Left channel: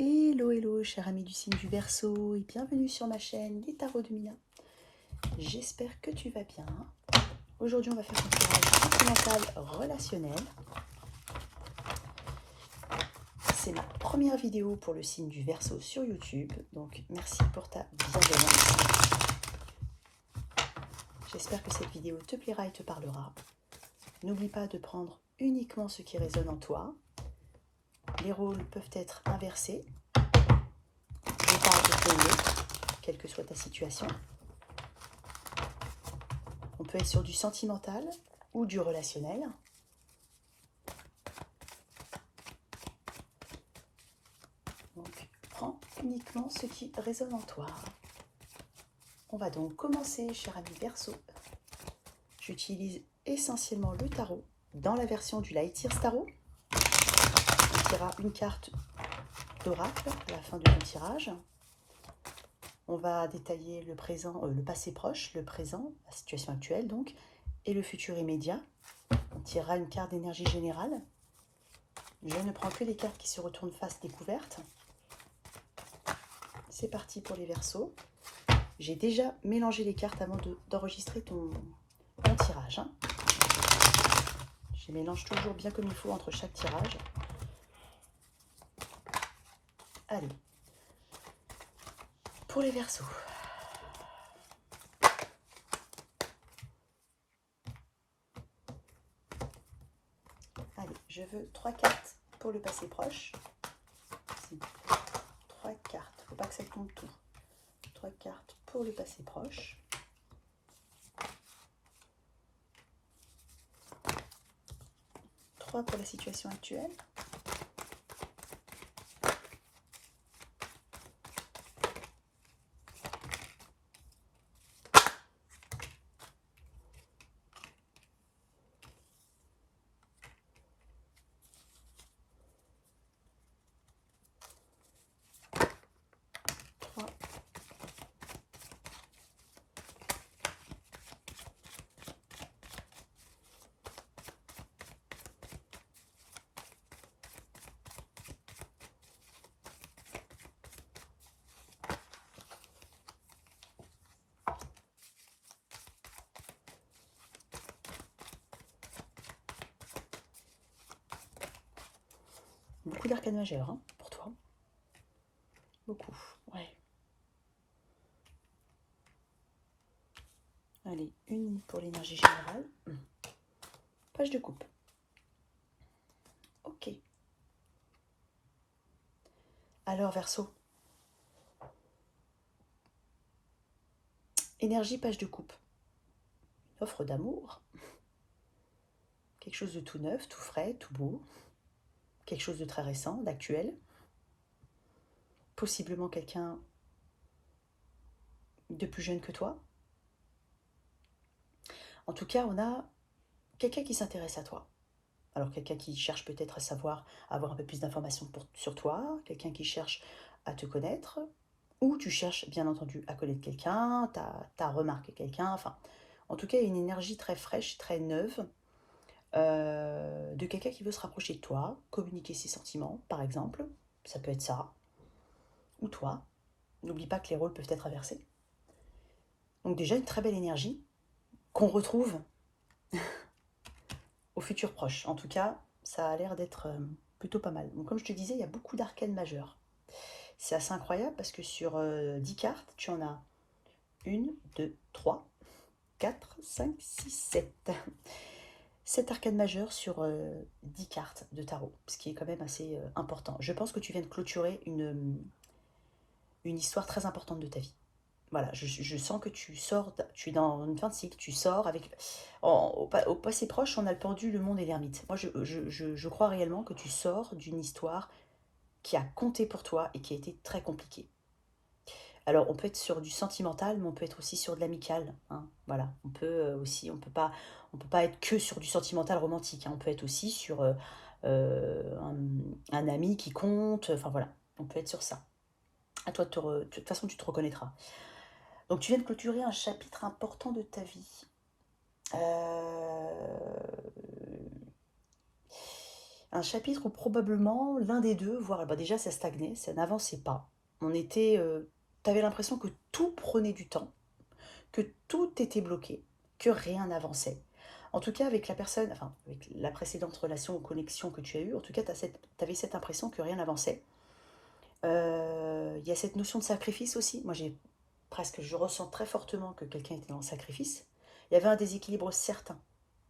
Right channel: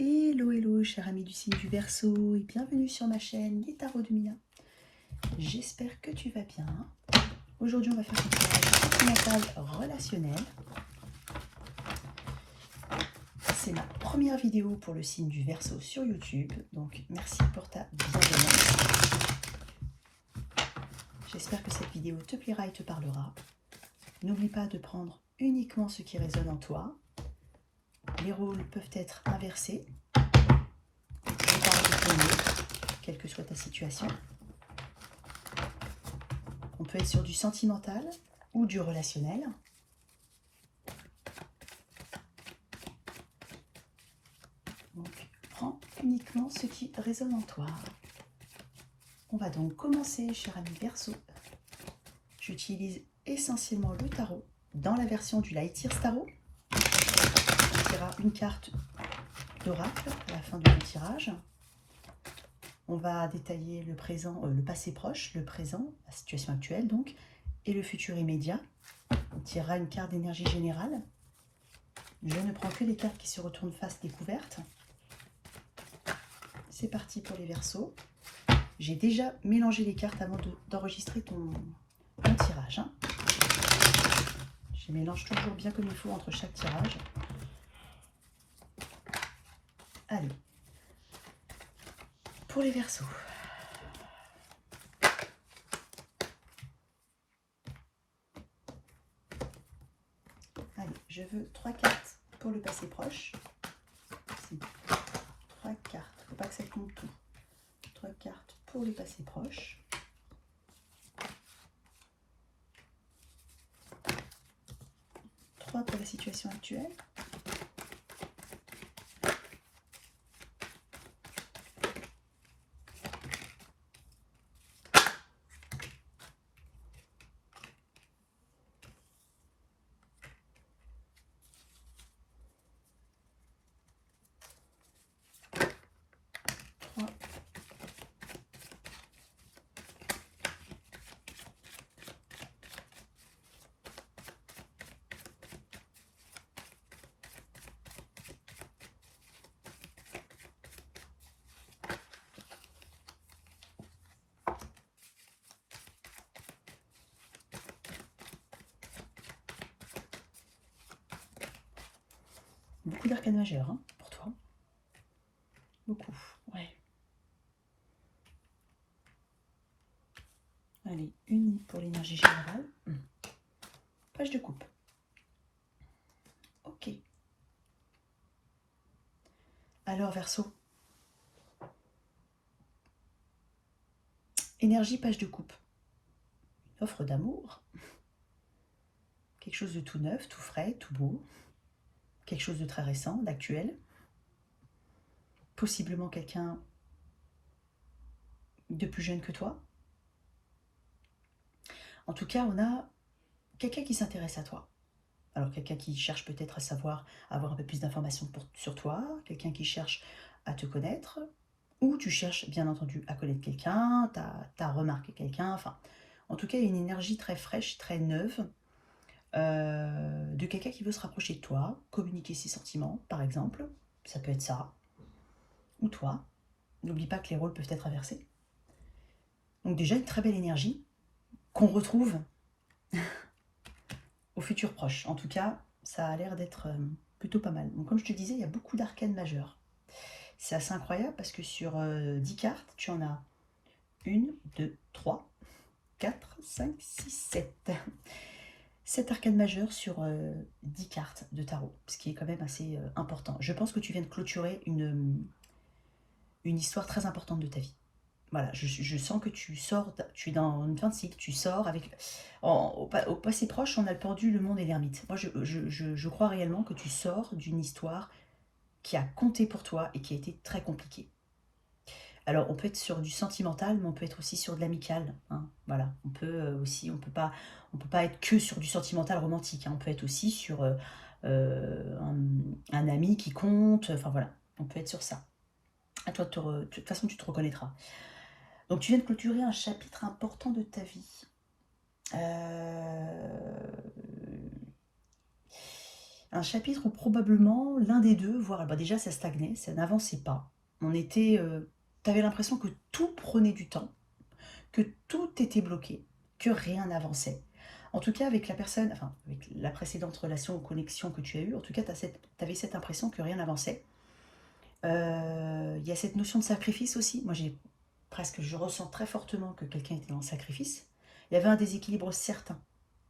Hello, hello, cher ami du signe du Verseau, et bienvenue sur ma chaîne Les Tarots de Mina. J'espère que tu vas bien. Aujourd'hui, on va faire un tirage mental relationnel. C'est ma première vidéo pour le signe du Verseau sur YouTube, donc merci pour ta bienveillance. J'espère que cette vidéo te plaira et te parlera. N'oublie pas de prendre uniquement ce qui résonne en toi. Les rôles peuvent être inversés. Quelle que soit ta situation. On peut être sur du sentimental ou du relationnel. Donc, prends uniquement ce qui résonne en toi. On va donc commencer, cher ami Verseau. J'utilise essentiellement le tarot dans la version du Light Years Tarot. On tirera une carte d'oracle à la fin du tirage. On va détailler le présent, le passé proche, le présent, la situation actuelle donc, et le futur immédiat. On tirera une carte d'énergie générale. Je ne prends que des cartes qui se retournent face découverte. C'est parti pour les Verseaux. J'ai déjà mélangé les cartes avant d'enregistrer ton tirage. Je mélange toujours bien comme il faut entre chaque tirage. Allez, pour les Verseaux. Allez, je veux 3 cartes pour le passé proche. 3 cartes, il ne faut pas que ça compte tout. 3 cartes pour le passé proche. 3 pour la situation actuelle. Beaucoup d'arcanes majeures hein, pour toi. Beaucoup, ouais. Allez, une pour l'énergie générale. Page de coupe. Ok. Alors, Verseau. Énergie, page de coupe. Offre d'amour. Quelque chose de tout neuf, tout frais, tout beau. Quelque chose de très récent, d'actuel. Possiblement quelqu'un de plus jeune que toi. En tout cas, on a quelqu'un qui s'intéresse à toi. Alors, quelqu'un qui cherche peut-être à savoir, avoir un peu plus d'informations sur toi. Quelqu'un qui cherche à te connaître. Ou tu cherches, bien entendu, à connaître quelqu'un. Tu as remarqué quelqu'un. Enfin, en tout cas, une énergie très fraîche, très neuve. De quelqu'un qui veut se rapprocher de toi, communiquer ses sentiments, par exemple. Ça peut être ça. Ou toi. N'oublie pas que les rôles peuvent être inversés. Donc déjà, une très belle énergie qu'on retrouve au futur proche. En tout cas, ça a l'air d'être plutôt pas mal. Donc comme je te disais, il y a beaucoup d'arcanes majeures. C'est assez incroyable parce que sur 10 cartes, tu en as 1, 2, 3, 4, 5, 6, 7. 7 arcanes majeures sur 10 cartes de tarot, ce qui est quand même assez important. Je pense que tu viens de clôturer une histoire très importante de ta vie. Voilà, je sens que tu sors, tu es dans une fin de cycle, tu sors avec... au passé proche, on a le pendu, le monde et l'ermite. Moi, je crois réellement que tu sors d'une histoire qui a compté pour toi et qui a été très compliquée. Alors, on peut être sur du sentimental, mais on peut être aussi sur de l'amical. Hein, voilà, on peut aussi, on peut pas être que sur du sentimental romantique. Hein, on peut être aussi sur un ami qui compte. Enfin voilà, on peut être sur ça. À toi, de toute façon, tu te reconnaîtras. Donc, tu viens de clôturer un chapitre important de ta vie. Un chapitre où probablement l'un des deux, voire bah, déjà ça stagnait, ça n'avançait pas. T'avais l'impression que tout prenait du temps, que tout était bloqué, que rien n'avançait. En tout cas, avec la personne, enfin, avec la précédente relation ou connexion que tu as eue, en tout cas, t'avais cette impression que rien n'avançait. Il y a cette notion de sacrifice aussi. Moi, je ressens très fortement que quelqu'un était dans le sacrifice. Il y avait un déséquilibre certain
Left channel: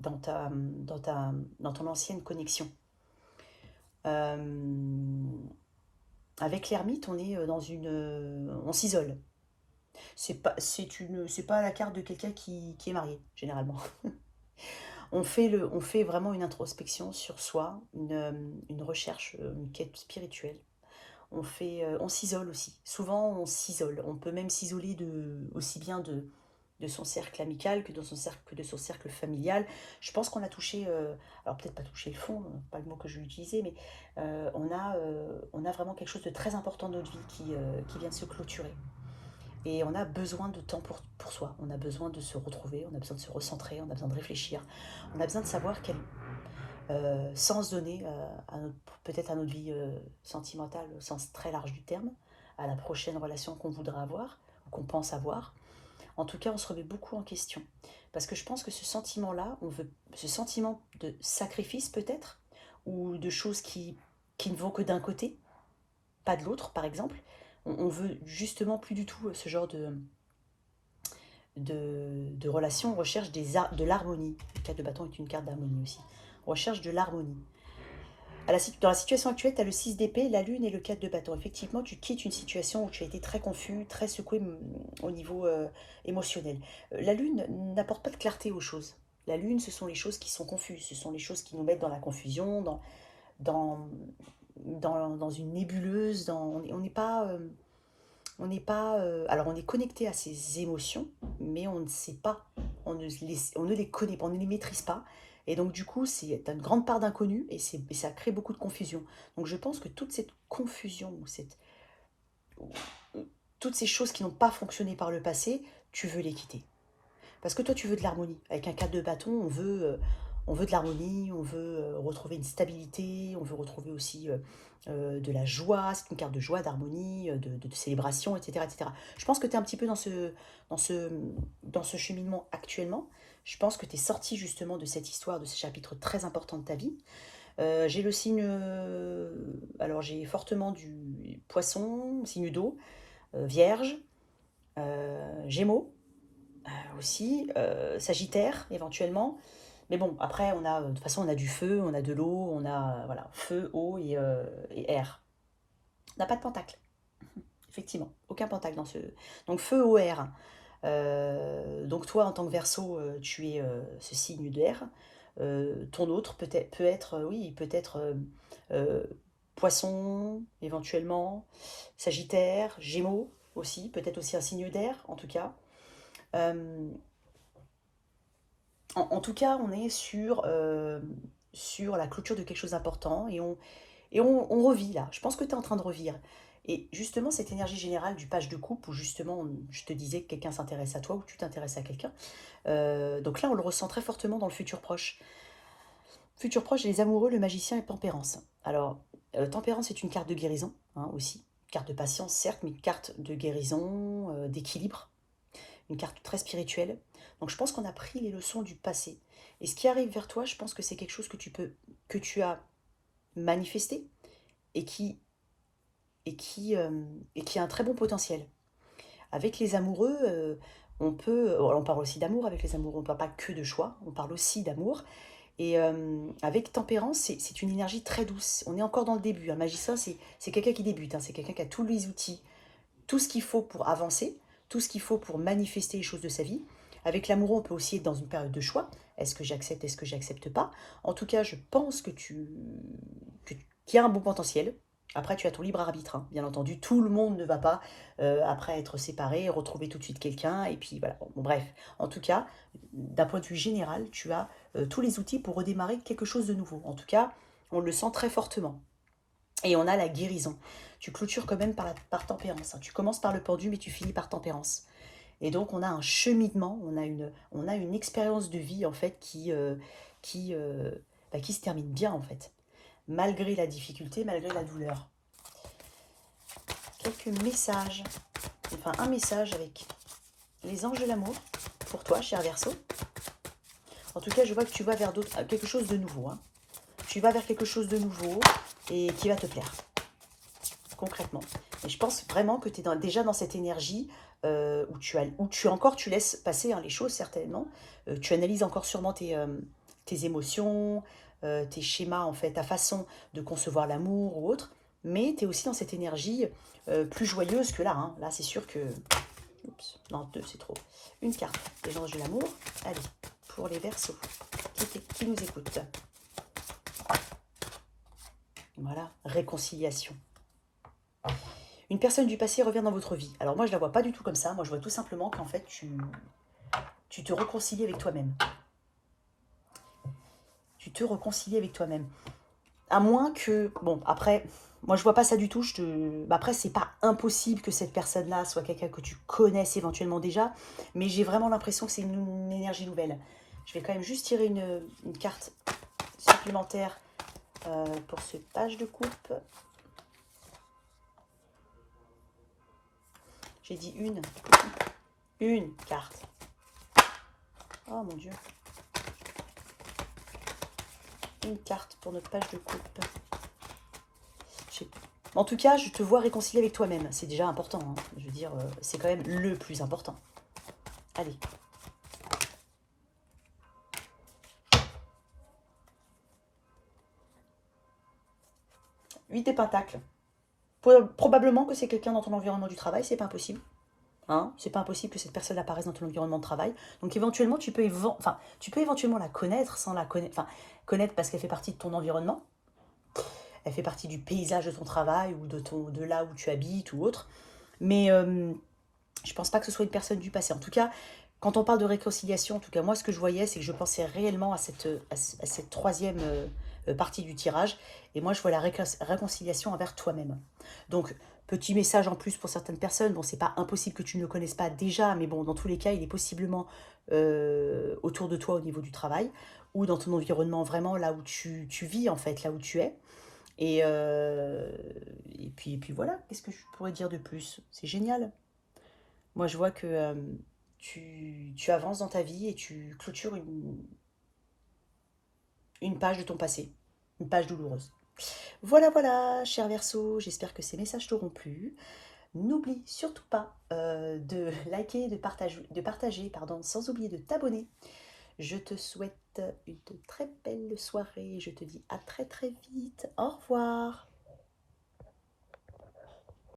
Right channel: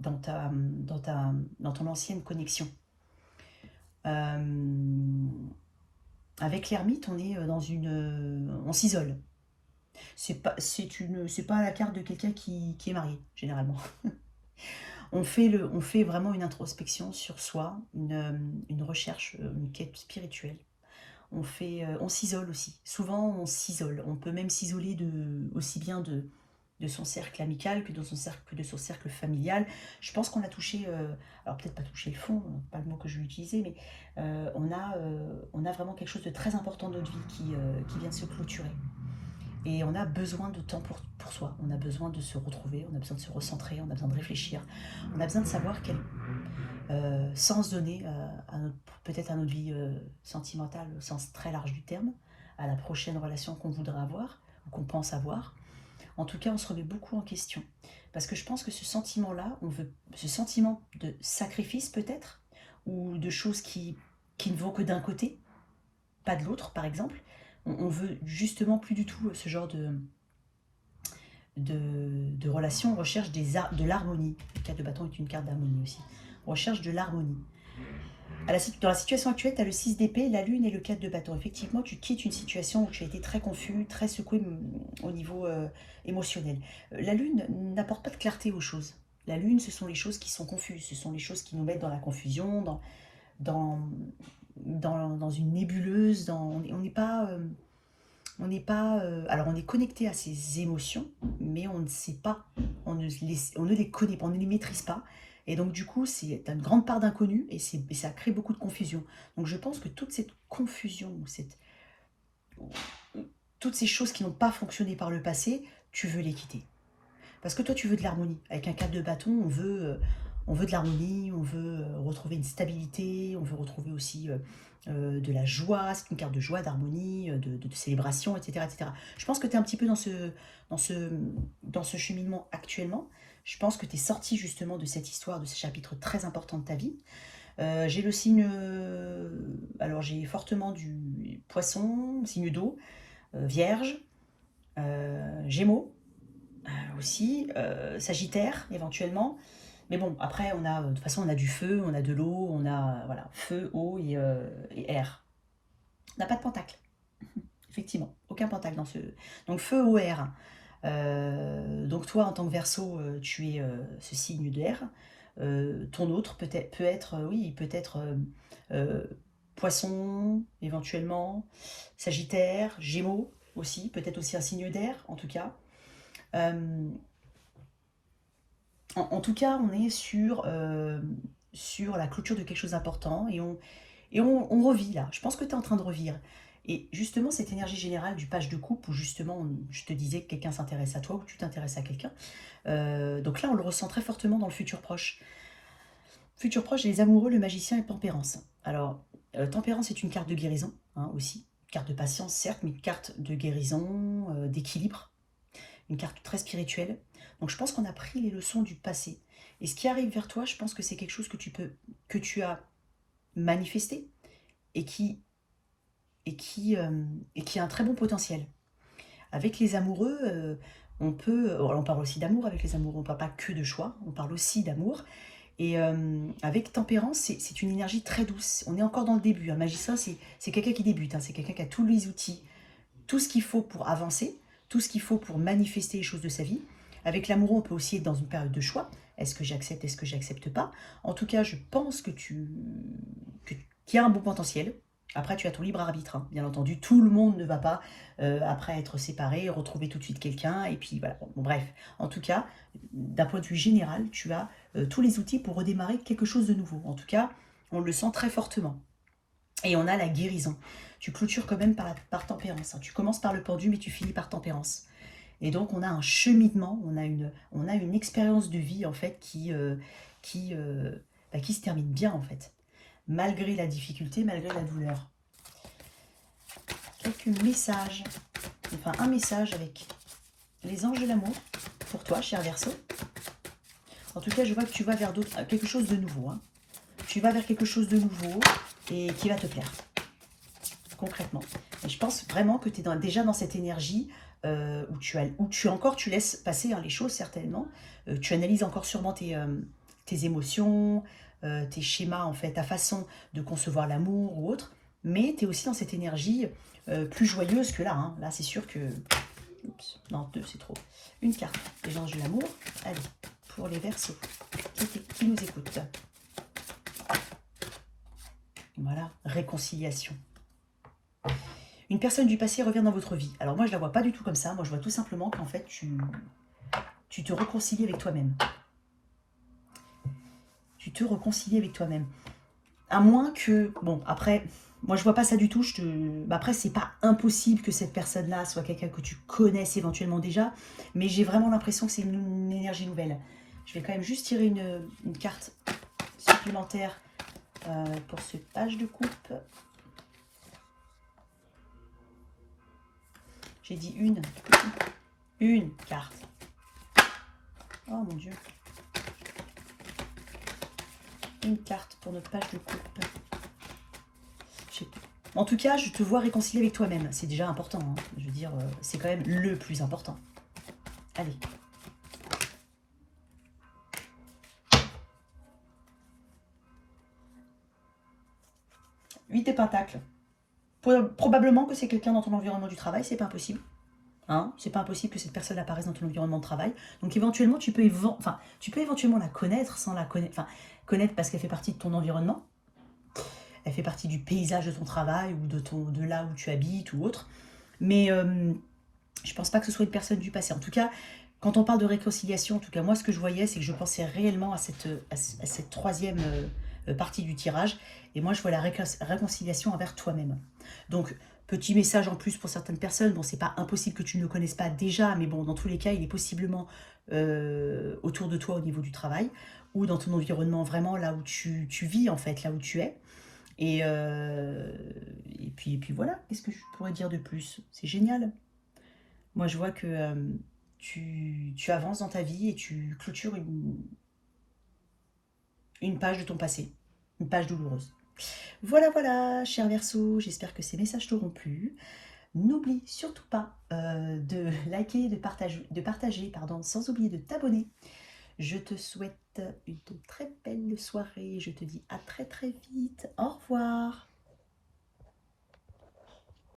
dans ton ancienne connexion. Euh, Avec l'ermite, on est on s'isole. C'est pas la carte de quelqu'un qui est marié, généralement. On fait vraiment une introspection sur soi, une recherche, une quête spirituelle. On s'isole aussi. Souvent, on s'isole. On peut même s'isoler aussi bien de son cercle amical que de son cercle familial. Je pense qu'on a touché, alors peut-être pas touché le fond, pas le mot que je vais utiliser, mais on a vraiment quelque chose de très important dans notre vie qui vient de se clôturer. Et on a besoin de temps pour soi, on a besoin de se retrouver, on a besoin de se recentrer, on a besoin de réfléchir, on a besoin de savoir quel sens donner peut-être à notre vie sentimentale au sens très large du terme, à la prochaine relation qu'on voudrait avoir, qu'on pense avoir. En tout cas, on se remet beaucoup en question. Parce que je pense que ce sentiment-là, ce sentiment de sacrifice peut-être, ou de choses qui ne vont que d'un côté, pas de l'autre par exemple, on veut justement plus du tout ce genre de relation, on recherche de l'harmonie. Le 4 de bâton est une carte d'harmonie aussi. On recherche de l'harmonie. Dans la situation actuelle, tu as le 6 d'épée, la lune et le 4 de bâton. Effectivement, tu quittes une situation où tu as été très confus, très secoué au niveau émotionnel. La lune n'apporte pas de clarté aux choses. La lune, ce sont les choses qui sont confuses, ce sont les choses qui nous mettent dans la confusion, dans, dans une nébuleuse. On n'est pas... on n'est pas alors on est connecté à ses émotions, mais on ne sait pas, on ne les connaît pas, on ne les maîtrise pas. Et donc du coup, c'est une grande part d'inconnu et ça crée beaucoup de confusion. Donc je pense que toute cette confusion, toutes ces choses qui n'ont pas fonctionné par le passé, tu veux les quitter. Parce que toi, tu veux de l'harmonie. Avec un 4 de bâton, on veut de l'harmonie, on veut retrouver une stabilité, on veut retrouver aussi de la joie. C'est une carte de joie, d'harmonie, de célébration, etc., etc. Je pense que tu es un petit peu dans ce, dans ce cheminement actuellement. Je pense que tu es sorti justement de cette histoire, de ce chapitre très important de ta vie. J'ai le signe, alors j'ai fortement du poisson, signe d'eau, vierge, gémeaux aussi, Sagittaire éventuellement. Mais bon, après, de toute façon, on a du feu, on a de l'eau, on a voilà, feu, eau et air. On n'a pas de pentacle, effectivement, aucun pentacle dans ce. Donc feu, eau, air. Donc toi, en tant que Verseau, tu es ce signe d'air. Ton autre peut être, oui, peut-être euh, Poisson, éventuellement, Sagittaire, Gémeaux aussi, peut-être aussi un signe d'air, en tout cas. Euh, en tout cas, on est sur la clôture de quelque chose d'important et on revit là. Je pense que tu es en train de revivre. Et justement, cette énergie générale du page de coupe, où justement, je te disais que quelqu'un s'intéresse à toi ou tu t'intéresses à quelqu'un. Donc là, on le ressent très fortement dans le futur proche. Futur proche, les amoureux, le magicien et tempérance. Alors, tempérance est une carte de guérison hein, aussi. Carte de patience, certes, mais une carte de guérison, d'équilibre, une carte très spirituelle. Donc je pense qu'on a pris les leçons du passé. Et ce qui arrive vers toi, je pense que c'est quelque chose que tu as manifesté et et qui a un très bon potentiel. Avec les amoureux, on parle aussi d'amour avec les amoureux, on ne parle pas que de choix, on parle aussi d'amour. Et avec tempérance, c'est une énergie très douce. On est encore dans le début. Un magicien, c'est quelqu'un qui débute, hein, c'est quelqu'un qui a tous les outils, tout ce qu'il faut pour avancer, tout ce qu'il faut pour manifester les choses de sa vie. Avec l'amoureux, on peut aussi être dans une période de choix. Est-ce que j'accepte, est-ce que j'accepte pas? En tout cas, je pense qu'il y a un bon potentiel. Après, tu as ton libre arbitre, hein. Bien entendu. Tout le monde ne va pas, après être séparé, retrouver tout de suite quelqu'un. Et puis voilà. Bon, bref. En tout cas, d'un point de vue général, tu as tous les outils pour redémarrer quelque chose de nouveau. En tout cas, on le sent très fortement. Et on a la guérison. Tu clôtures quand même par tempérance, hein. Tu commences par le pendu, mais tu finis par tempérance. Et donc on a un cheminement, on a une expérience de vie en fait qui se termine bien en fait. malgré la difficulté, malgré la douleur. Quelques messages, enfin un message avec les anges de l'amour pour toi, cher Verseau. En tout cas, je vois que tu vas vers quelque chose de nouveau. Hein. Tu vas vers quelque chose de nouveau et qui va te plaire, concrètement. Et je pense vraiment que tu es déjà dans cette énergie où tu laisses passer hein, les choses, certainement. Tu analyses encore sûrement tes émotions, tes schémas, en fait, ta façon de concevoir l'amour ou autre. Mais tu es aussi dans cette énergie plus joyeuse que là. Hein. Là, c'est sûr que... Oups, non, 2, c'est trop. Une carte, les anges de l'amour. Allez, pour les Verseaux qui nous écoutent. Voilà, réconciliation. Une personne du passé revient dans votre vie. Alors moi, je la vois pas du tout comme ça. Moi, je vois tout simplement qu'en fait, tu te réconcilies avec toi-même. Tu te réconcilies avec toi-même. À moins que... Bon, après, moi, je vois pas ça du tout. Après, c'est pas impossible que cette personne-là soit quelqu'un que tu connaisses éventuellement déjà. Mais j'ai vraiment l'impression que c'est une énergie nouvelle. Je vais quand même juste tirer une carte supplémentaire pour ce page de coupe. J'ai dit une carte. Oh mon Dieu. Une carte pour notre page de coupe. Je sais pas. En tout cas, je te vois réconcilier avec toi-même. C'est déjà important. Hein. Je veux dire, c'est quand même le plus important. Allez. Huit de pentacles. Probablement que c'est quelqu'un dans ton environnement du travail, c'est pas impossible. Hein, c'est pas impossible que cette personne apparaisse dans ton environnement de travail. Donc éventuellement, tu peux éventuellement la connaître sans la connaître. Enfin, connaître parce qu'elle fait partie de ton environnement. Elle fait partie du paysage de ton travail ou de là où tu habites ou autre. Mais je pense pas que ce soit une personne du passé. En tout cas, quand on parle de réconciliation, en tout cas moi ce que je voyais, c'est que je pensais réellement à cette troisième partie du tirage. Et moi je vois la réconciliation envers toi-même. Donc petit message en plus pour certaines personnes. Bon, c'est pas impossible que tu ne le connaisses pas déjà, mais bon, dans tous les cas, il est possiblement autour de toi au niveau du travail ou dans ton environnement vraiment là où tu vis en fait, là où tu es. Et, et puis voilà, qu'est-ce que je pourrais dire de plus? C'est génial. Moi, je vois que tu avances dans ta vie et tu clôtures une page de ton passé, une page douloureuse. Voilà, voilà, cher Verseau, j'espère que ces messages t'auront plu. N'oublie surtout pas de liker, de partager, pardon, sans oublier de t'abonner. Je te souhaite une très belle soirée. Je te dis à très très vite. Au revoir.